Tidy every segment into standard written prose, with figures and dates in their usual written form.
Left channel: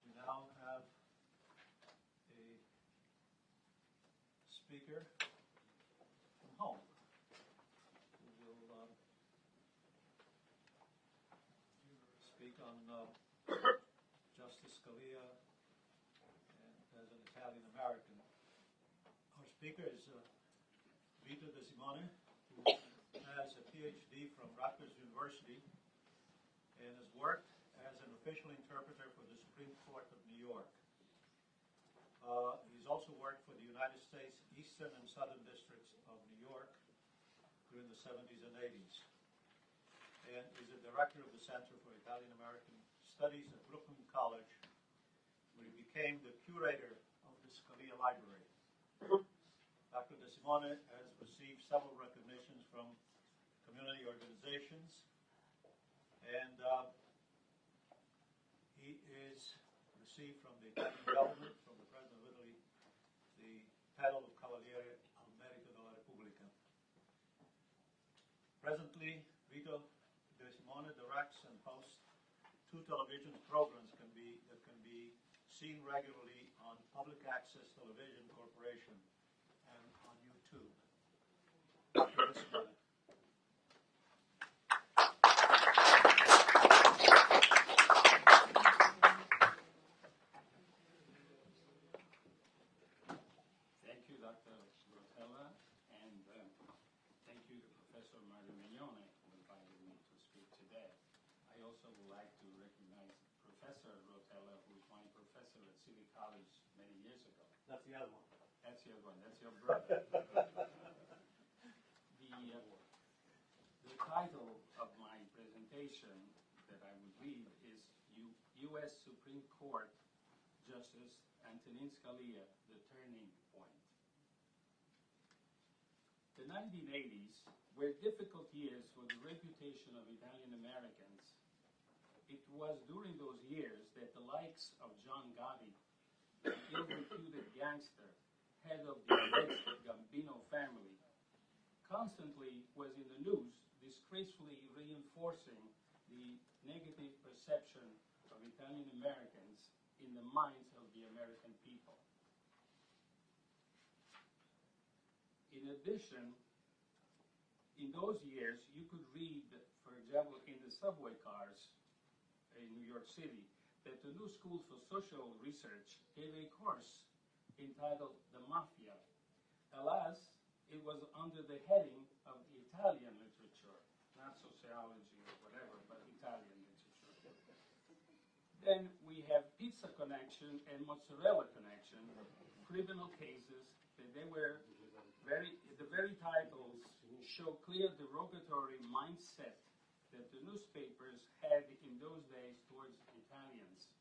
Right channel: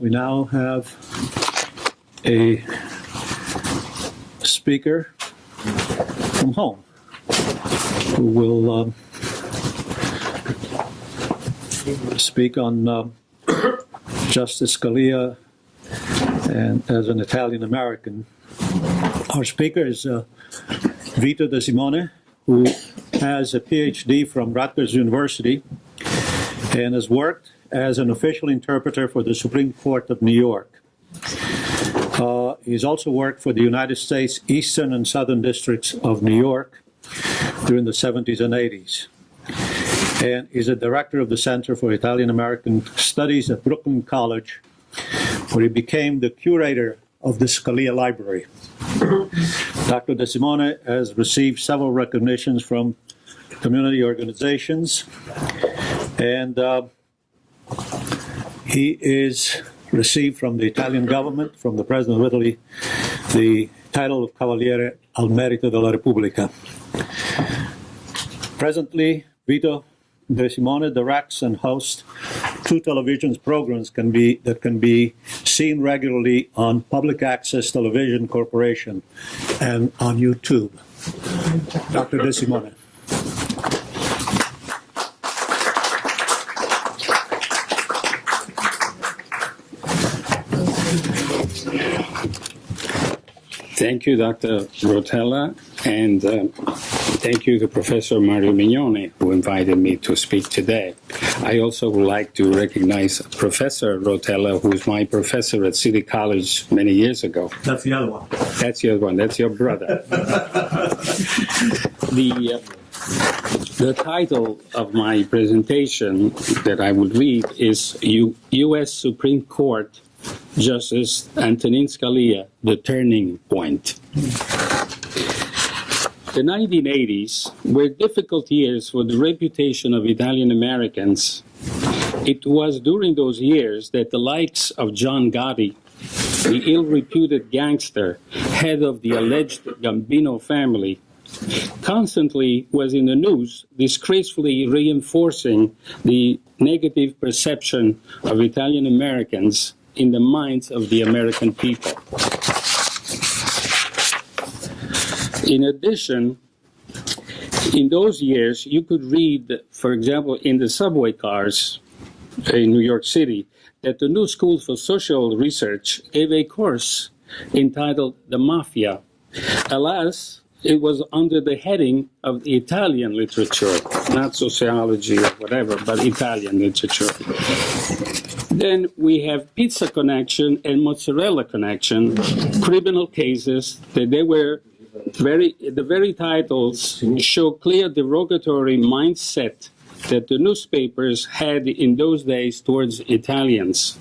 We now have a speaker from home who will speak on Justice Scalia and as an Italian American. Our speaker is Vito De Simone, who has a Ph.D. from Rutgers University and has worked as an official interpreter for the Supreme Court of New York. He's also worked for the United States Eastern and Southern Districts of New York during the 70s and 80s. And is a director of the Center for Italian American Studies at Brooklyn College, where he became the curator of the Scalia Library. Dr. De Simone has received several recognitions from community organizations, and he is received from the Italian government, from the President of Italy, the title of Cavaliere al Merito della Repubblica. Presently, Vito De Simone directs and hosts two television programs that can be seen regularly on Public Access Television Corporation and on YouTube. Dr. De Simone. Thank you, Dr. Rotella, and thank you to Professor Mario Mignone, who invited me to speak today. I also would like to recognize Professor Rotella, who was my professor at City College many years ago. That's the other one. That's the other one. That's your brother. The title of my presentation that I would read is U.S. Supreme Court Justice Antonin Scalia, the Turning Point. The 1980s were difficult years for the reputation of Italian Americans. It was during those years that the likes of John Gotti, the ill-reputed gangster, head of the alleged Gambino family, constantly was in the news, disgracefully reinforcing the negative perception of Italian Americans in the minds of the American people. In addition, in those years, you could read, for example, in the subway cars in New York City, that the New School for Social Research gave a course entitled The Mafia. Alas, it was under the heading of Italian literature, not sociology or whatever, but Italian literature. Then we have Pizza Connection and Mozzarella Connection, criminal cases that they were the very titles show clear derogatory mindset that the newspapers had in those days towards Italians.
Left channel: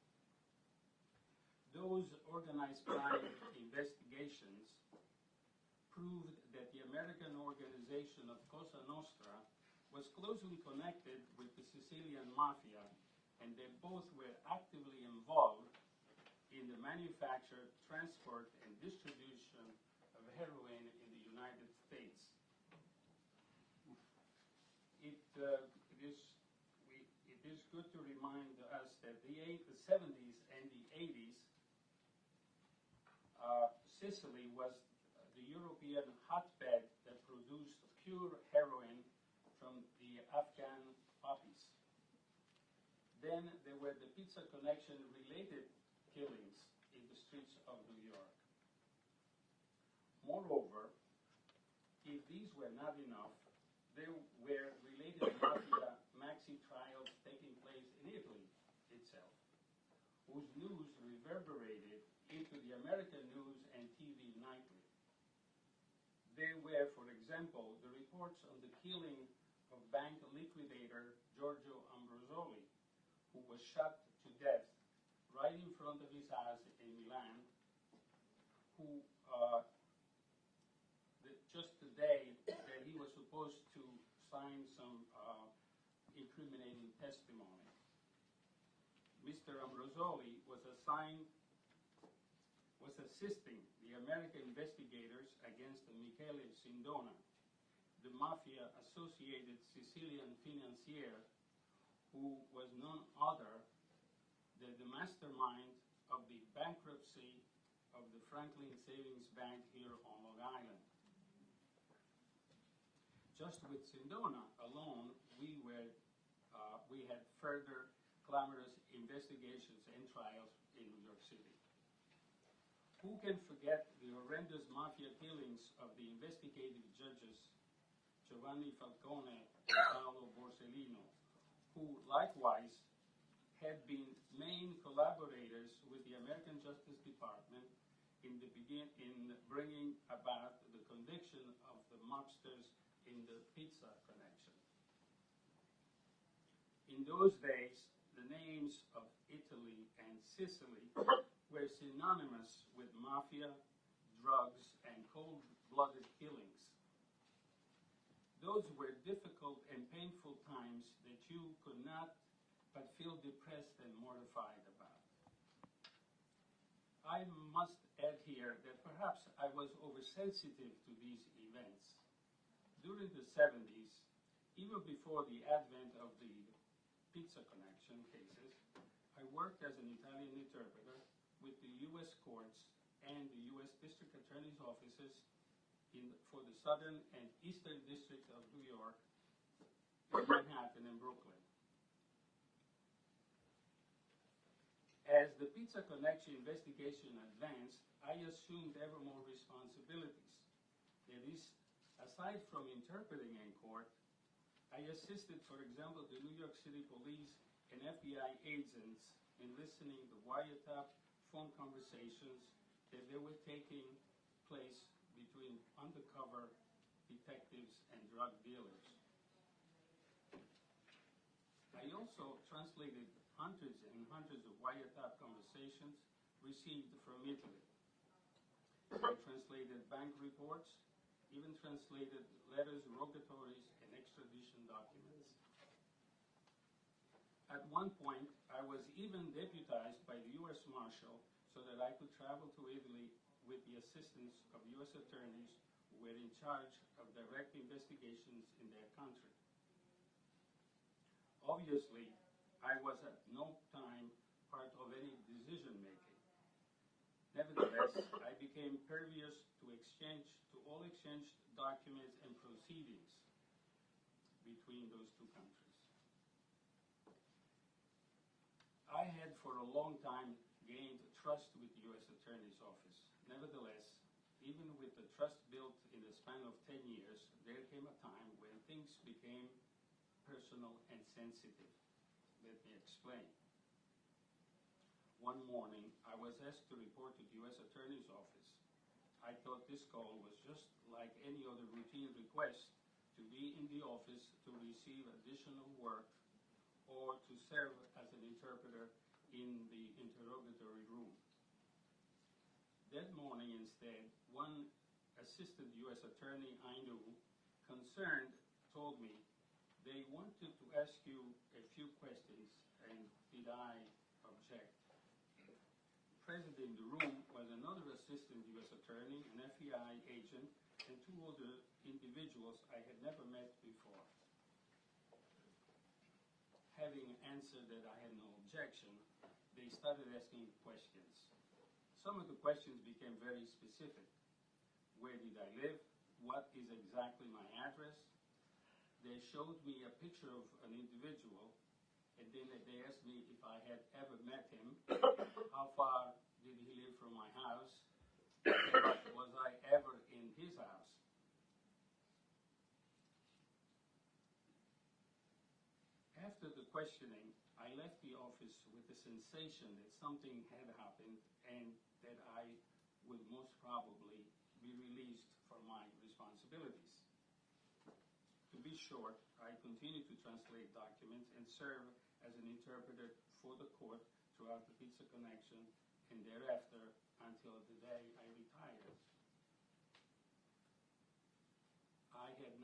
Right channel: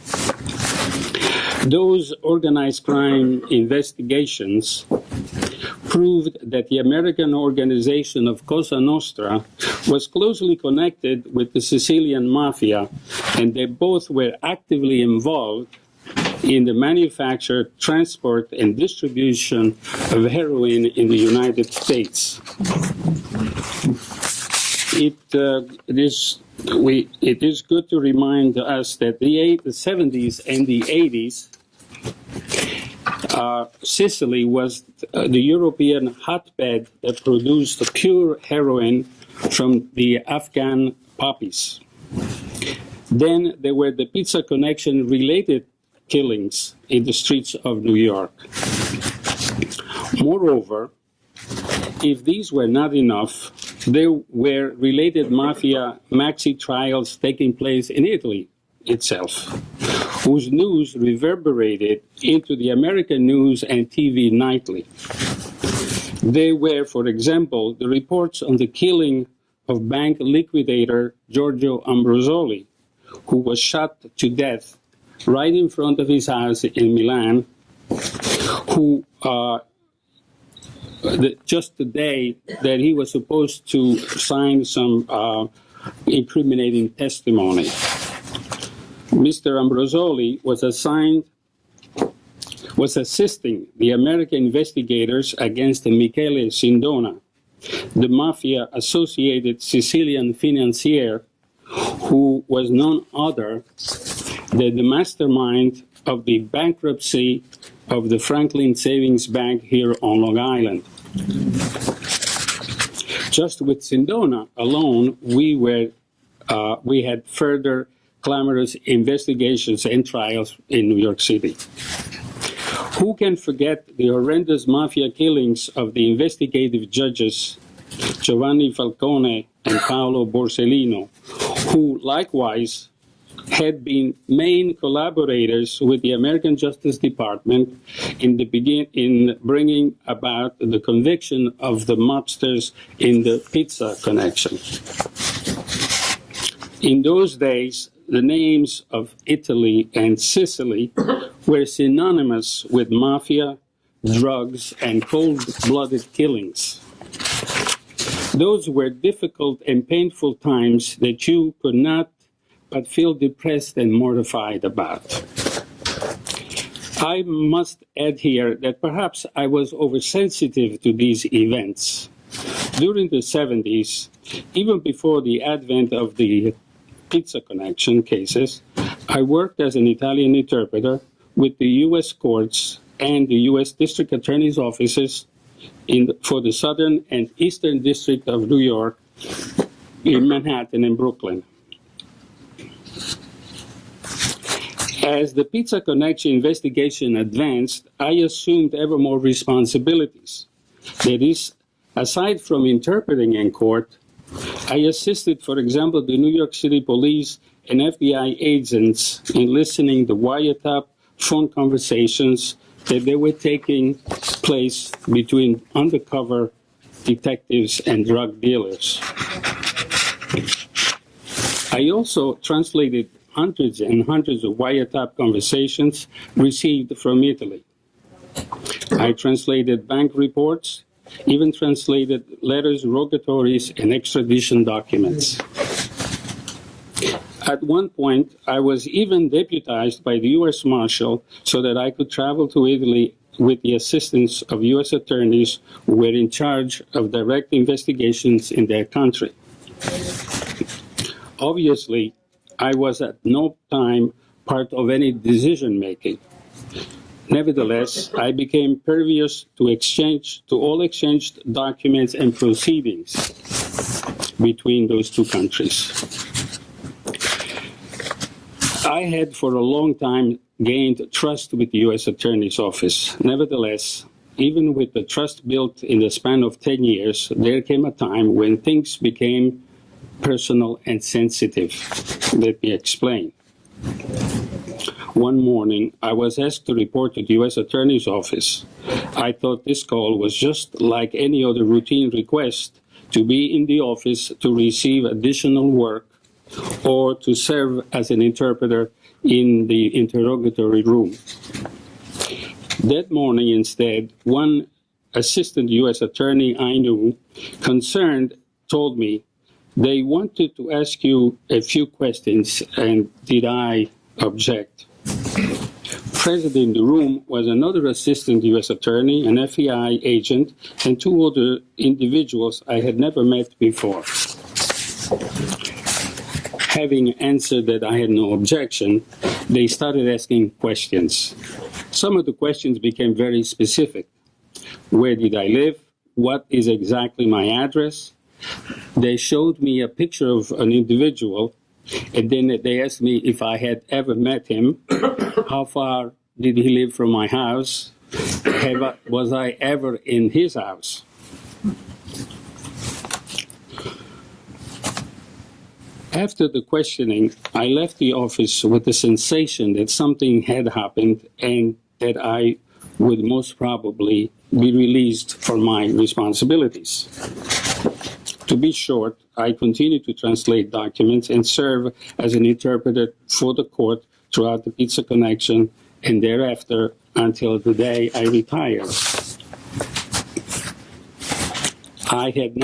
Those organized crime investigations proved that the American organization of Cosa Nostra was closely connected with the Sicilian mafia, and they both were actively involved in the manufacture, transport, and distribution of heroin in the United States. It is good to remind us that the 70s and the 80s, Sicily was the European hotbed that produced pure heroin from the Afghan poppies. Then there were the Pizza Connection related killings in the streets of New York. Moreover, if these were not enough, there were related mafia maxi trials taking place in Italy itself, whose news reverberated into the American news and TV nightly. They were, for example, the reports on the killing of bank liquidator Giorgio Ambrosoli, who was shot to death right in front of his house in Milan, who just the day that he was supposed to sign some incriminating testimony. Mr. Ambrosoli was assisting the American investigators against Michele Sindona, the mafia-associated Sicilian financier who was none other that the mastermind of the bankruptcy of the Franklin Savings Bank here on Long Island. Just with Sindona alone, we had further clamorous investigations and trials in New York City. Who can forget the horrendous mafia killings of the investigative judges Giovanni Falcone and Paolo Borsellino, who likewise had been main collaborators with the American Justice Department in bringing about the conviction of the mobsters in the pizza connection. In those days, the names of Italy and Sicily were synonymous with mafia, drugs, and cold-blooded killings. Those were difficult and painful times that you could not but feel depressed and mortified about. I must add here that perhaps I was oversensitive to these events. During the 70s, even before the advent of the pizza connection cases, I worked as an Italian interpreter with the U.S. courts and the U.S. District Attorney's offices for the Southern and Eastern District of New York in Manhattan and Brooklyn. As the pizza connection investigation advanced, I assumed ever more responsibilities. That is, aside from interpreting in court, I assisted, for example, the New York City police and FBI agents in listening to wiretap phone conversations that they were taking place between undercover detectives and drug dealers. I also translated hundreds and hundreds of wiretap conversations received from Italy. I translated bank reports, even translated letters, rogatories, and extradition documents. At one point, I was even deputized by the U.S. Marshal so that I could travel to Italy with the assistance of U.S. attorneys who were in charge of direct investigations in their country. Obviously, I was at no time part of any decision-making. Nevertheless, I became pervious to all exchanged documents and proceedings between those two countries. I had for a long time gained trust with the U.S. Attorney's Office. Nevertheless, even with the trust built in the span of 10 years, there came a time when things became personal and sensitive. Let me explain. One morning, I was asked to report to the U.S. Attorney's Office. I thought this call was just like any other routine request to be in the office to receive additional work or to serve as an interpreter in the interrogatory room. That morning, instead, one assistant U.S. attorney I knew, concerned, told me, they wanted to ask you a few questions, and did I object? Present in the room was another assistant U.S. attorney, an FBI agent, and two other individuals I had never met before. Having answered that I had no objection, they started asking questions. Some of the questions became very specific. Where did I live? What is exactly my address? They showed me a picture of an individual, and then they asked me if I had ever met him, how far did he live from my house, was I ever in his house? After the questioning, I left the office with the sensation that something had happened and that I would most probably be released from my responsibilities. To be short, I continued to translate documents and serve as an interpreter for the court throughout the pizza connection and thereafter until the day I retired. I had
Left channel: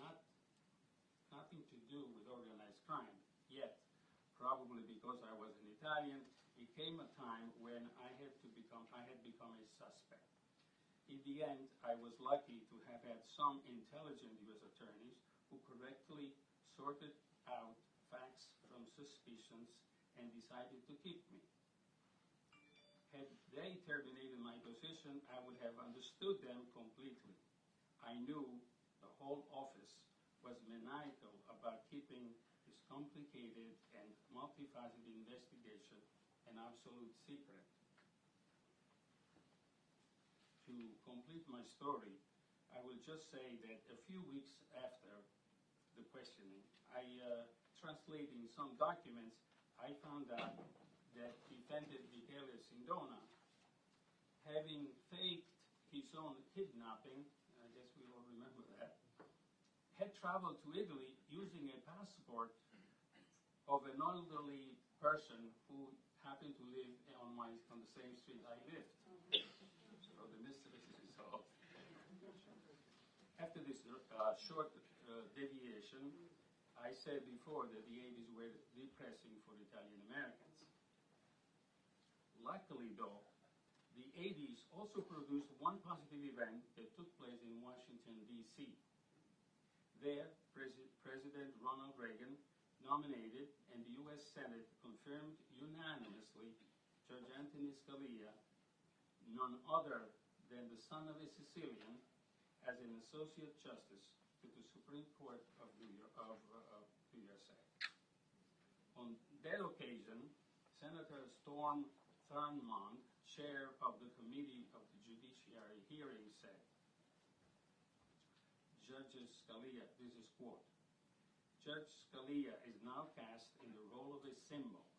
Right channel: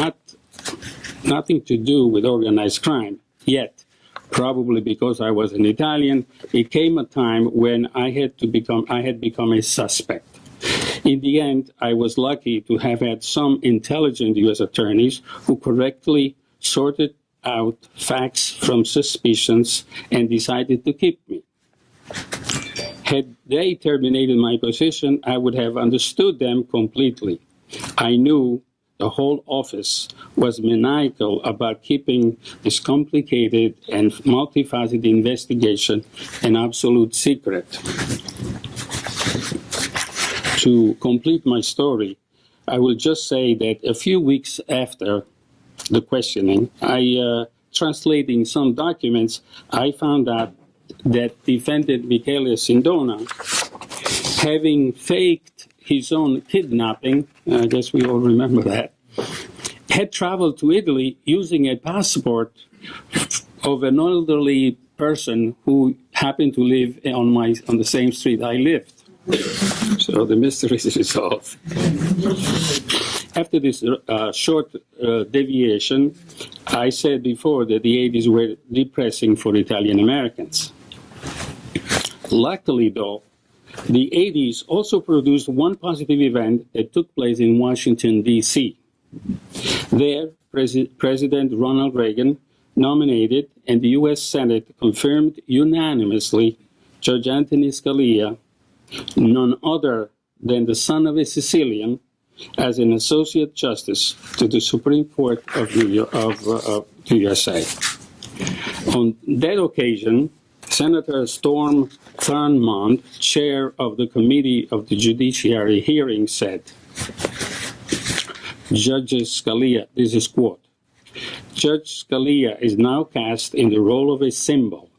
nothing to do with organized crime. Yet, probably because I was an Italian, it came a time when I had become a suspect. In the end, I was lucky to have had some intelligent U.S. attorneys who correctly sorted out facts from suspicions and decided to keep me. Had they terminated my position, I would have understood them completely. I knew the whole office was maniacal about keeping this complicated and multifaceted investigation an absolute secret. To complete my story, I will just say that a few weeks after the questioning, translating some documents, I found out that defendant Michele Sindona, having faked his own kidnapping, I guess we all remember that, had traveled to Italy using a passport of an elderly person who happened to live on the same street I lived. So the mystery is resolved. After this short deviation, I said before that the 80s were depressing for Italian Americans. Luckily, though, the 80s also produced one positive event that took place in Washington, D.C. There, President Ronald Reagan nominated, and the U.S. Senate confirmed unanimously Judge Antonin Scalia, none other than the son of a Sicilian, as an associate justice to the Supreme Court of the USA. On that occasion, Senator Storm Thurmond, chair of the Committee of the Judiciary hearing, said, Judge Scalia, this is quote, Judge Scalia is now cast in the role of a symbol.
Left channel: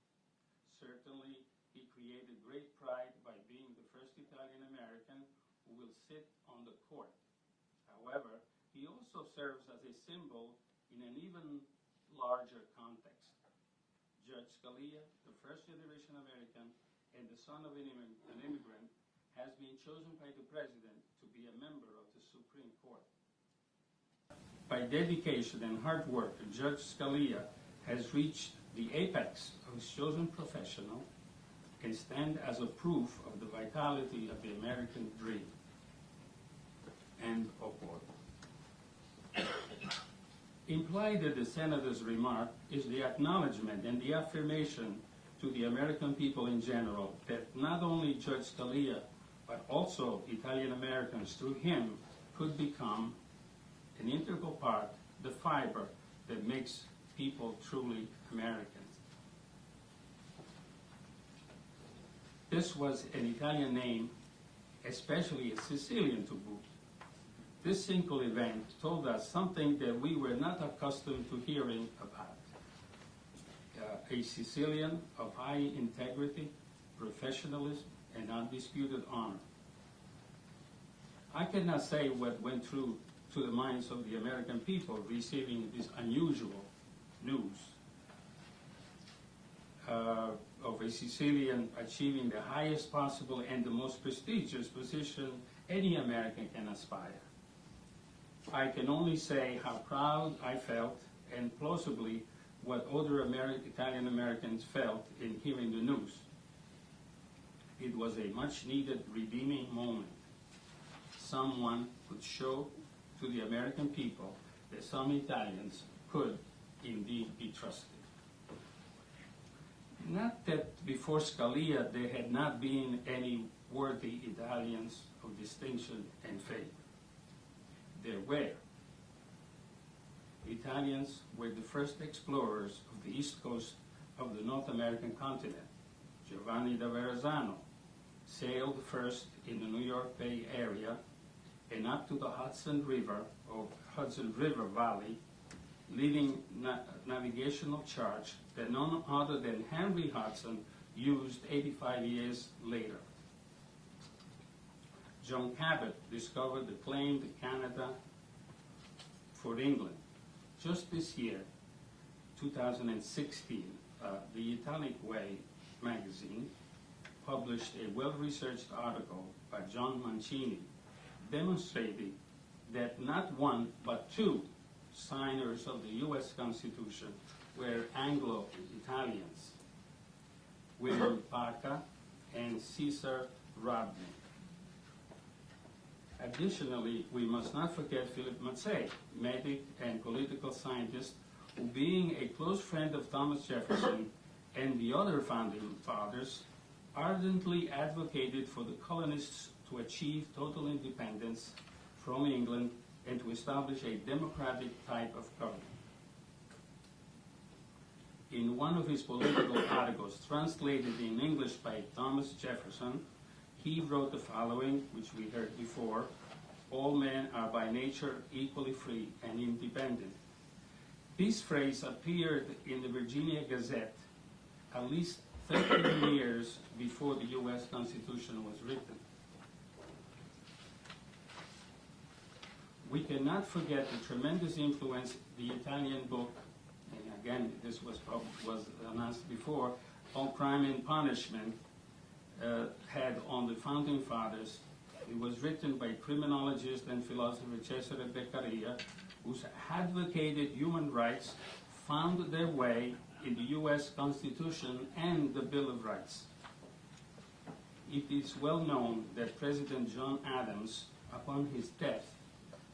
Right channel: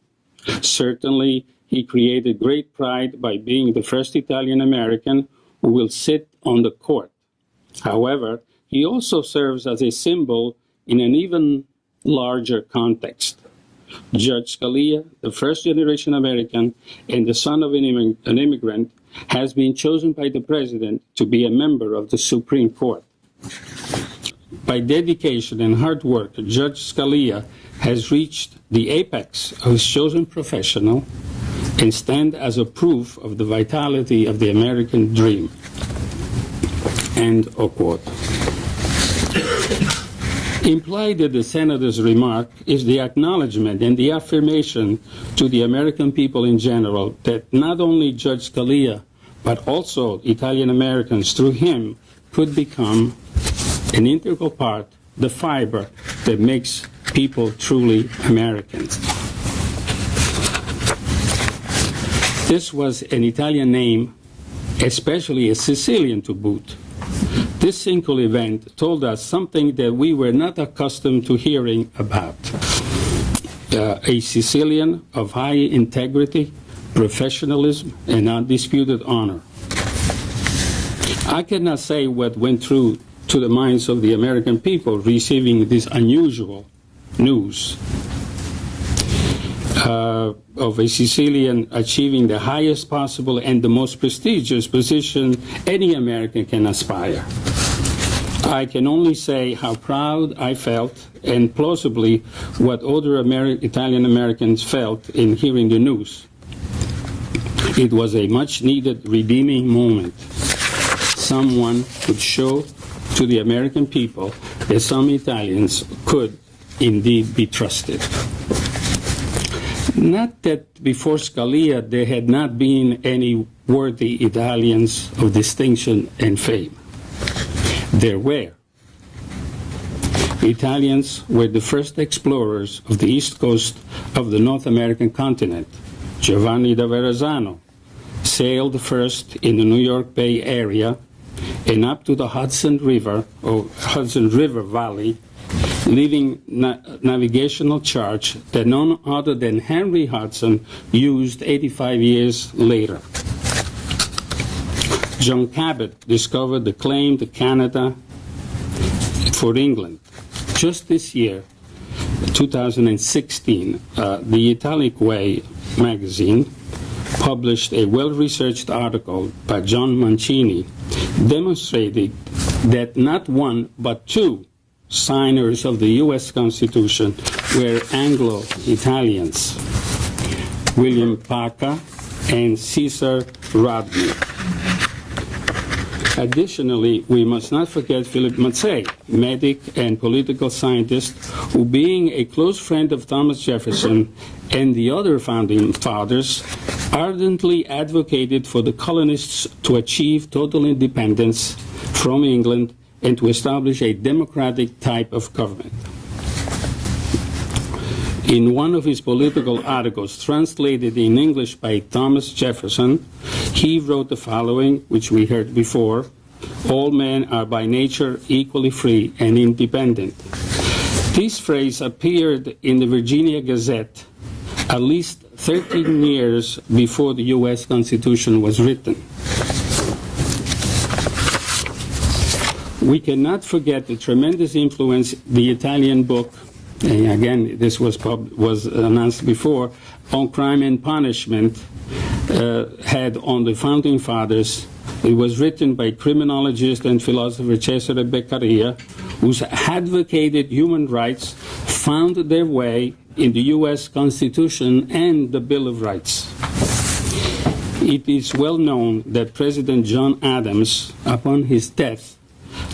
Certainly, he created great pride by being the first Italian American who will sit on the court. However, he also serves as a symbol in an even larger context. Judge Scalia, the first-generation American and the son of an immigrant, has been chosen by the president to be a member of the Supreme Court. By dedication and hard work, Judge Scalia has reached the apex of his chosen professional and stand as a proof of the vitality of the American dream. End of quote. Implied in the senator's remark is the acknowledgement and the affirmation to the American people in general that not only Judge Scalia, but also Italian Americans through him could become an integral part, the fiber that makes people truly Americans. This was an Italian name, especially a Sicilian to boot. This single event told us something that we were not accustomed to hearing about. A Sicilian of high integrity, professionalism, and undisputed honor. I cannot say what went through to the minds of the American people receiving this unusual news of a Sicilian achieving the highest possible and the most prestigious position any American can aspire. I can only say how proud I felt, and plausibly what other Italian Americans felt in hearing the news. It was a much-needed redeeming moment. Someone could show to the American people that some Italians could indeed be trusted. Not that before Scalia there had not been any worthy Italians of distinction and fame. There were. Italians were the first explorers of the east coast of the North American continent. Giovanni da Verrazzano sailed first in the New York Bay area and up to the Hudson River, or Hudson River Valley, leaving navigational charts that none other than Henry Hudson used 85 years later. John Cabot discovered the claim to Canada for England. Just this year, 2016, the Italic Way magazine published a well-researched article by John Mancini demonstrating that not one but two signers of the U.S. Constitution were Anglo-Italians, William Paca and Cesar Rodney. Additionally, we must not forget Philip Mazzei, medic and political scientist, who, being a close friend of Thomas Jefferson and the other founding fathers, ardently advocated for the colonists to achieve total independence from England and to establish a democratic type of government. In one of his political articles, translated in English by Thomas Jefferson, he wrote the following, which we heard before: "All men are by nature equally free and independent." This phrase appeared in the Virginia Gazette at least 13 years before the U.S. Constitution was written. We cannot forget the tremendous influence the Italian book, and again, this was announced before, on crime and punishment had on the Founding Fathers. It was written by criminologist and philosopher Cesare Beccaria, whose advocated human rights found their way in the U.S. Constitution and the Bill of Rights. It is well known that President John Adams, upon his death,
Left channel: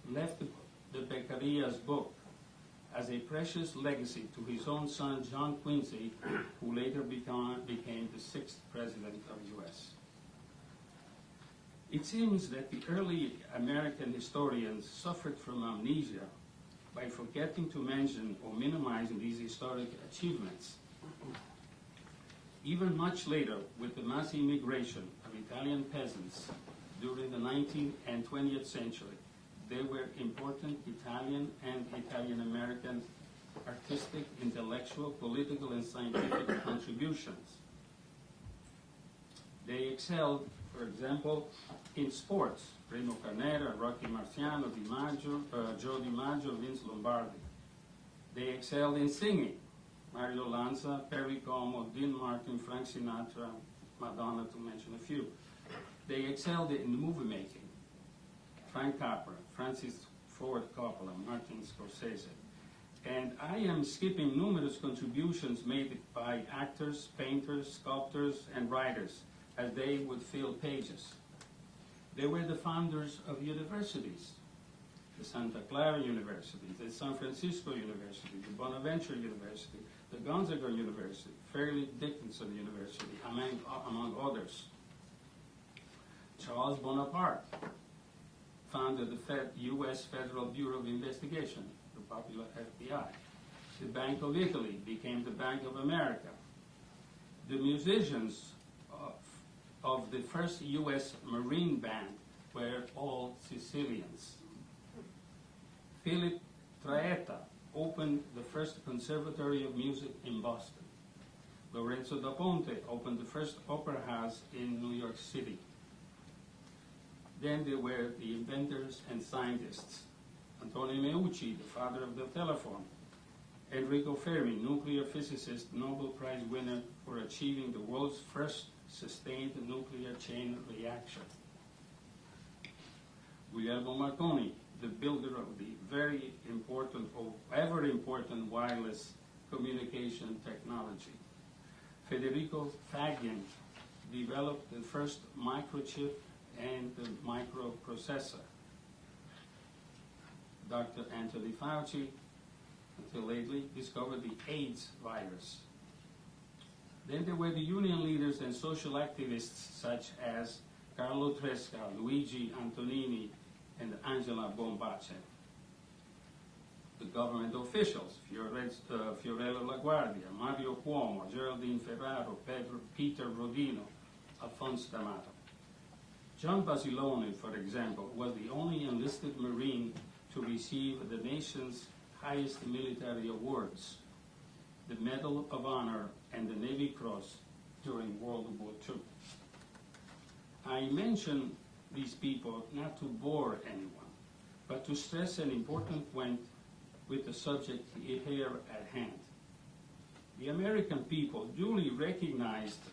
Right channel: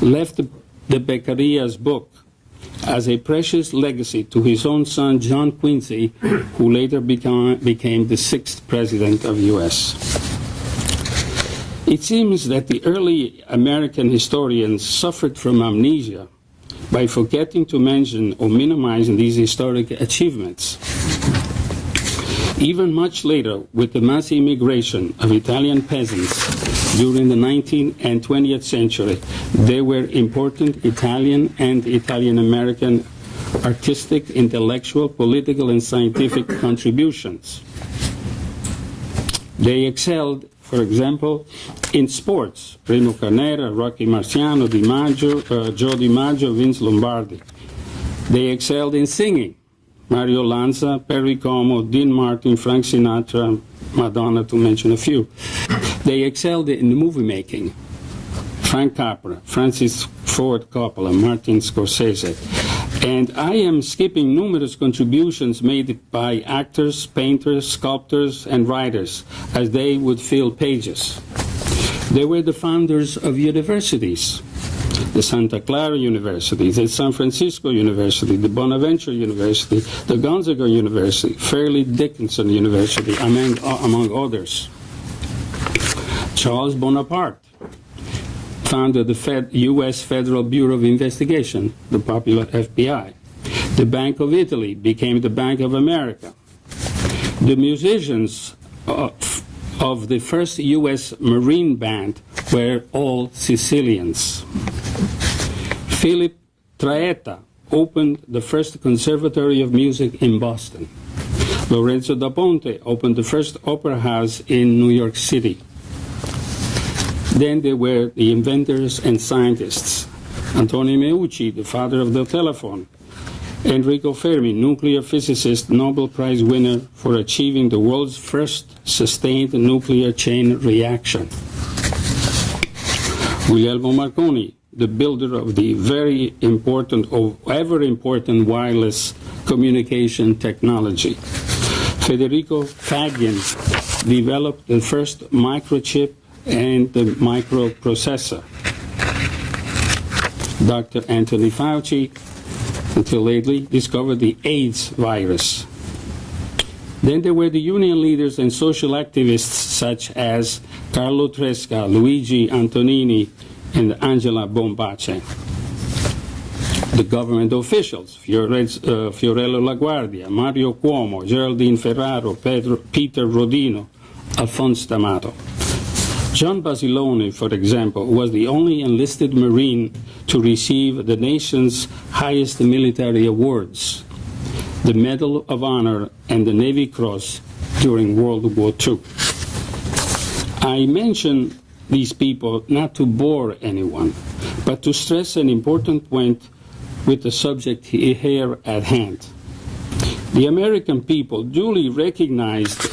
left the Beccaria's book as a precious legacy to his own son, John Quincy, who later became the 6th president of the U.S. It seems that the early American historians suffered from amnesia by forgetting to mention or minimize these historic achievements. Even much later, with the mass immigration of Italian peasants during the 19th and 20th century, there were important Italian and Italian-American artistic, intellectual, political, and scientific contributions. They excelled, for example, in sports: Rino Carnera, Rocky Marciano, Joe DiMaggio, Vince Lombardi. They excelled in singing: Mario Lanza, Perry Como, Dean Martin, Frank Sinatra, Madonna, to mention a few. They excelled in movie making: Frank Capra, Francis Ford Coppola, Martin Scorsese. And I am skipping numerous contributions made by actors, painters, sculptors, and writers, as they would fill pages. They were the founders of universities: the Santa Clara University, the San Francisco University, the Bonaventure University, the Gonzaga University, Fairleigh Dickinson University, among others. Charles Bonaparte founded the U.S. Federal Bureau of Investigation, the popular FBI. The Bank of Italy became the Bank of America. The musicians of the first U.S. Marine Band were all Sicilians. Philip Traetta opened the first Conservatory of Music in Boston. Lorenzo da Ponte opened the first opera house in New York City. Then there were the inventors and scientists: Antonin Meucci, the father of the telephone; Enrico Fermi, nuclear physicist, Nobel Prize winner for achieving the world's first sustained nuclear chain reaction; Guglielmo Marconi, the builder of the very important, or ever important, wireless communication technology; Federico Faggin developed the first microchip and the microprocessor; Dr. Anthony Fauci, until lately, discovered the AIDS virus. Then there were the union leaders and social activists such as Carlo Tresca, Luigi Antonini, and Angela Bombace. The government officials: Fiorello LaGuardia, Mario Cuomo, Geraldine Ferraro, Peter Rodino, Alphonse D'Amato. John Basilone, for example, was the only enlisted Marine to receive the nation's highest military awards, the Medal of Honor and the Navy Cross, during World War II. I mention these people not to bore anyone, but to stress an important point with the subject here at hand. The American people duly recognized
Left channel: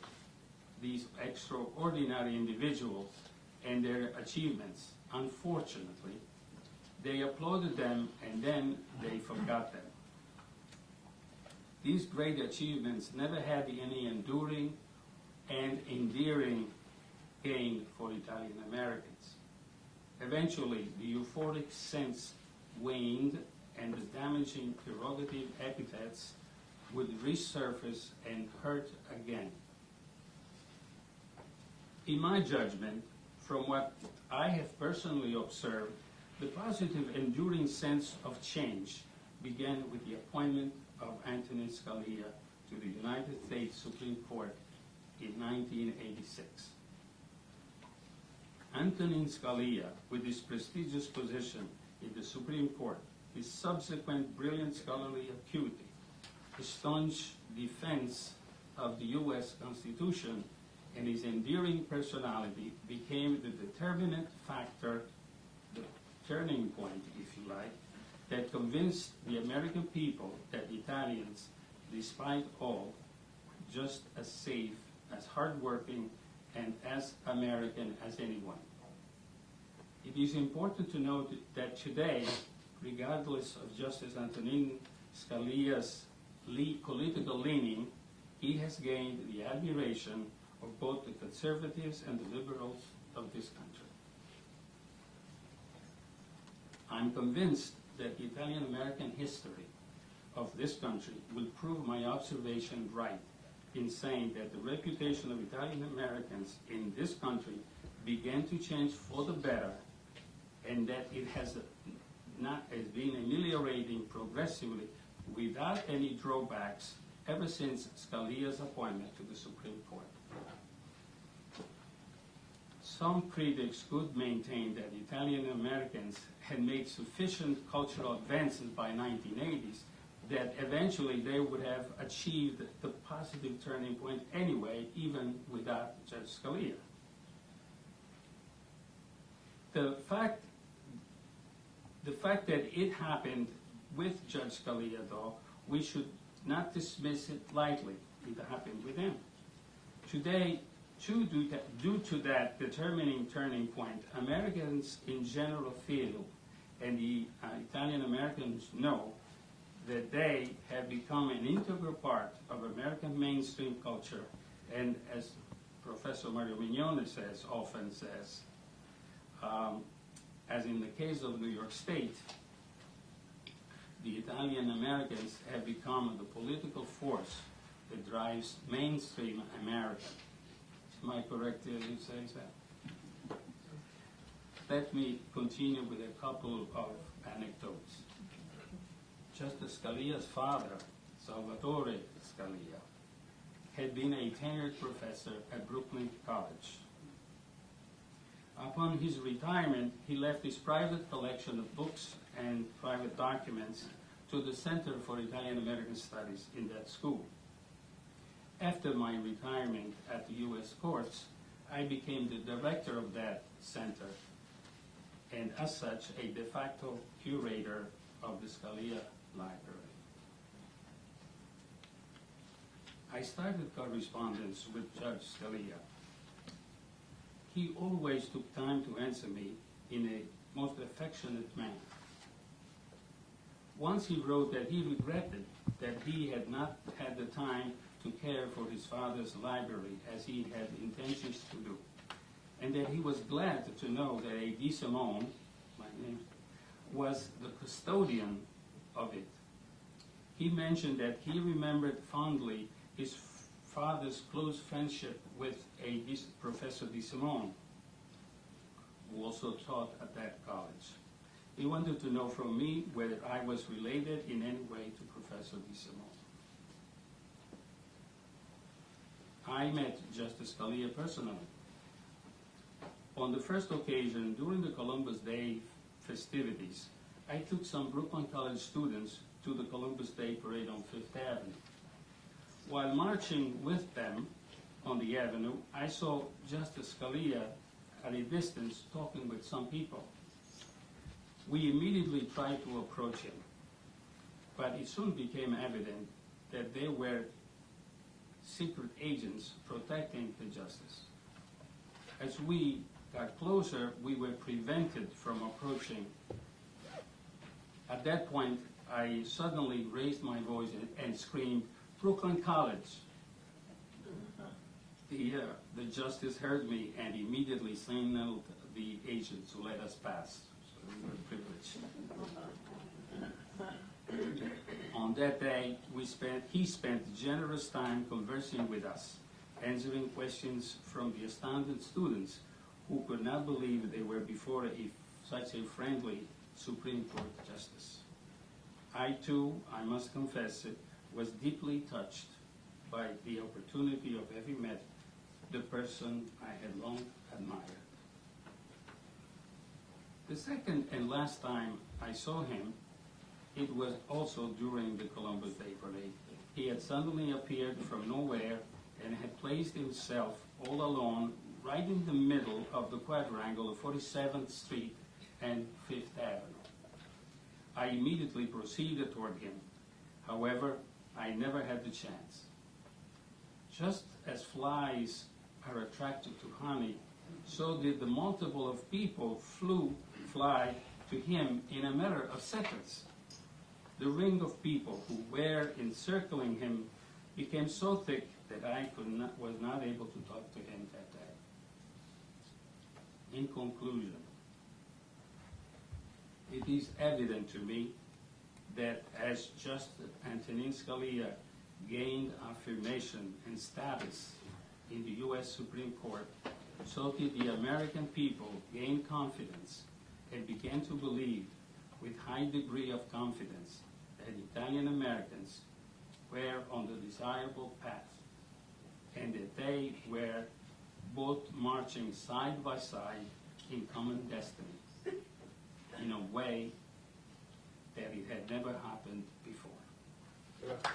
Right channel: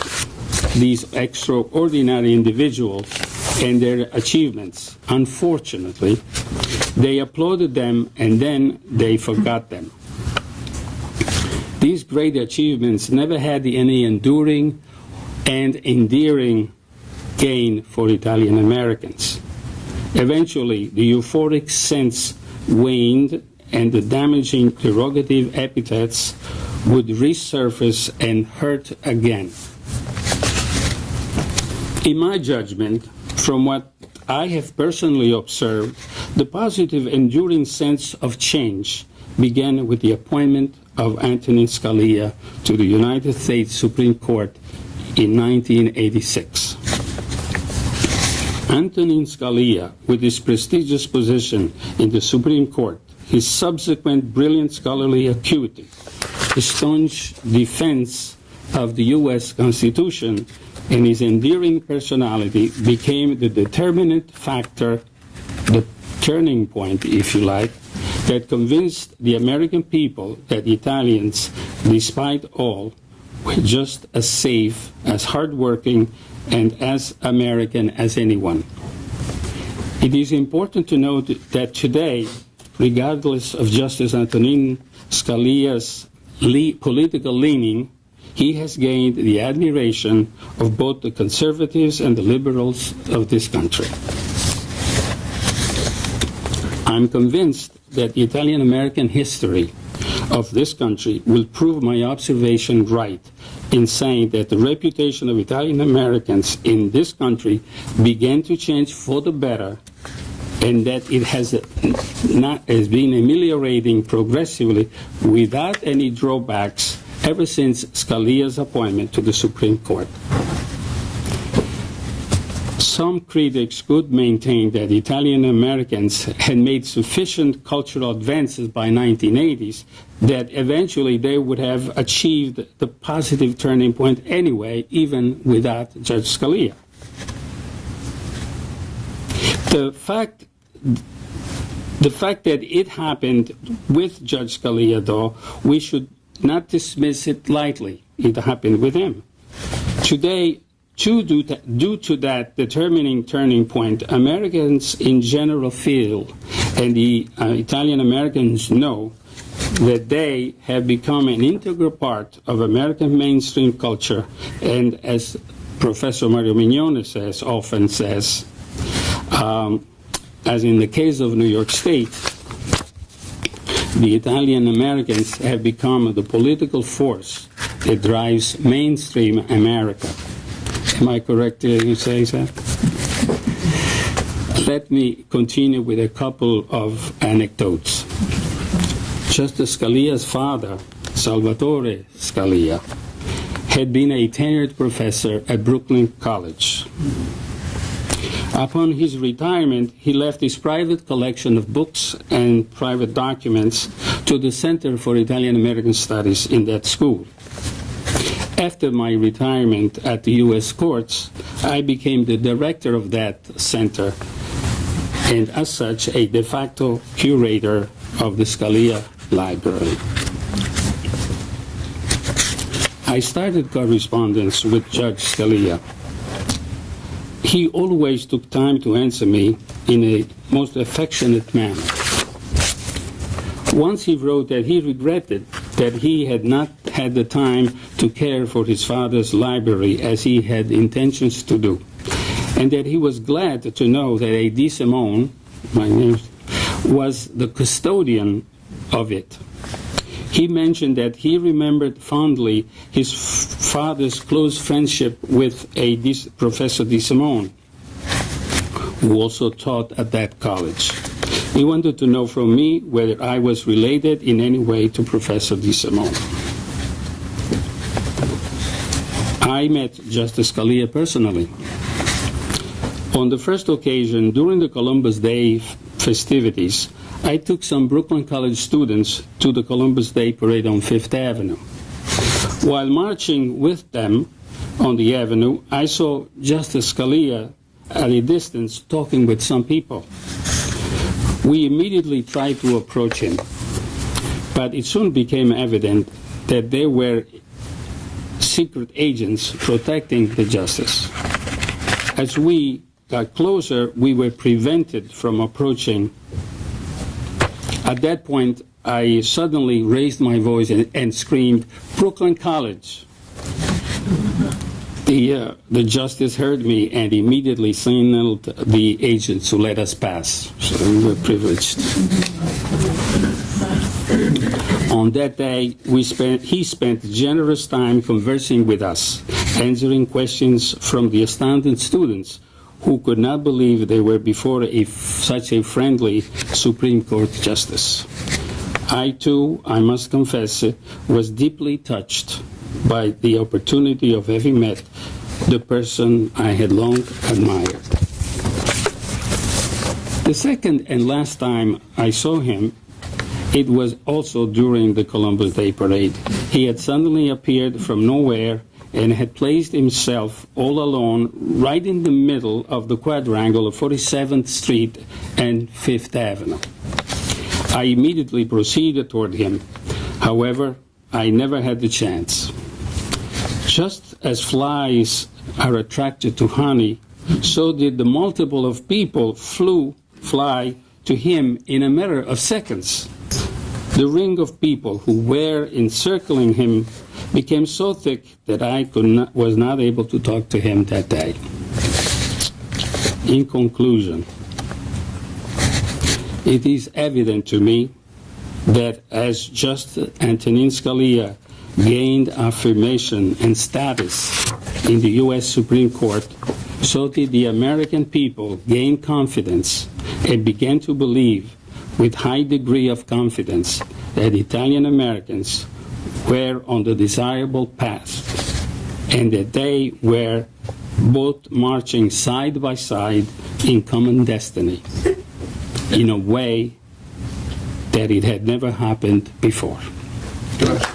these extraordinary individuals and their achievements. Unfortunately, they applauded them and then they forgot them. These great achievements never had any enduring and endearing gain for Italian Americans. Eventually, the euphoric sense waned and the damaging derogative epithets would resurface and hurt again. In my judgment, from what I have personally observed, the positive enduring sense of change began with the appointment of Antonin Scalia to the United States Supreme Court in 1986. Antonin Scalia, with his prestigious position in the Supreme Court, his subsequent brilliant scholarly acuity, his staunch defense of the U.S. Constitution, and his endearing personality became the determinant factor, the turning point, if you like, that convinced the American people that Italians, despite all, were just as safe, as hardworking, and as American as anyone. It is important to note that today, regardless of Justice Antonin Scalia's political leaning, he has gained the admiration of both the conservatives and the liberals of this country. I'm convinced that the Italian-American history of this country will prove my observation right in saying that the reputation of Italian-Americans in this country began to change for the better, and that it has been ameliorating progressively without any drawbacks ever since Scalia's appointment to the Supreme Court. Some critics could maintain that Italian Americans had made sufficient cultural advances by 1980s that eventually they would have achieved the positive turning point anyway, even without Judge Scalia. The fact that it happened with Judge Scalia, though, we should not dismiss it lightly. It happened with him. Today, due to that determining turning point, Americans in general feel, and the Italian Americans know, that they have become an integral part of American mainstream culture, and as Professor Mario Mignone often says, as in the case of New York State, the Italian Americans have become the political force that drives mainstream America. Am I correct in saying that? Let me continue with a couple of anecdotes. Justice Scalia's father, Salvatore Scalia, had been a tenured professor at Brooklyn College. Upon his retirement, he left his private collection of books and private documents to the Center for Italian-American Studies in that school. After my retirement at the U.S. courts, I became the director of that center, and as such, a de facto curator of the Scalia Library. I started correspondence with Judge Scalia. He always took time to answer me in a most affectionate manner. Once he wrote that he regretted that he had not had the time to care for his father's library as he had intentions to do, and that he was glad to know that a De Simone, my name, was the custodian of it. He mentioned that he remembered fondly his father's close friendship with Professor De Simone, who also taught at that college. He wanted to know from me whether I was related in any way to Professor De Simone. I met Justice Scalia personally. On the first occasion, during the Columbus Day festivities, I took some Brooklyn College students to the Columbus Day Parade on Fifth Avenue. While marching with them on the avenue, I saw Justice Scalia at a distance talking with some people. We immediately tried to approach him, but it soon became evident that they were secret agents protecting the justice. As we got closer, we were prevented from approaching. At that point, I suddenly raised my voice and screamed, "Brooklyn College!" The justice heard me and immediately signaled the agents to let us pass. So we were privileged. On that day, he spent generous time conversing with us, answering questions from the astounded students who could not believe they were before such a friendly Supreme Court justice. I too, I must confess, was deeply touched by the opportunity of having met the person I had long admired. The second and last time I saw him, it was also during the Columbus Day Parade. He had suddenly appeared from nowhere and had placed himself all alone right in the middle of the quadrangle of 47th Street and 5th Avenue. I immediately proceeded toward him. However, I never had the chance. Just as flies are attracted to honey, so did the multiple of people fly to him in a matter of seconds. The ring of people who were encircling him became so thick that I was not able to talk to him that day. In conclusion, it is evident to me that as Justice Antonin Scalia gained affirmation and status in the U.S. Supreme Court, so did the American people gain confidence and began to believe with high degree of confidence that Italian Americans were on the desirable path and that they were both marching side by side in common destiny in a way that it had never happened before. Good.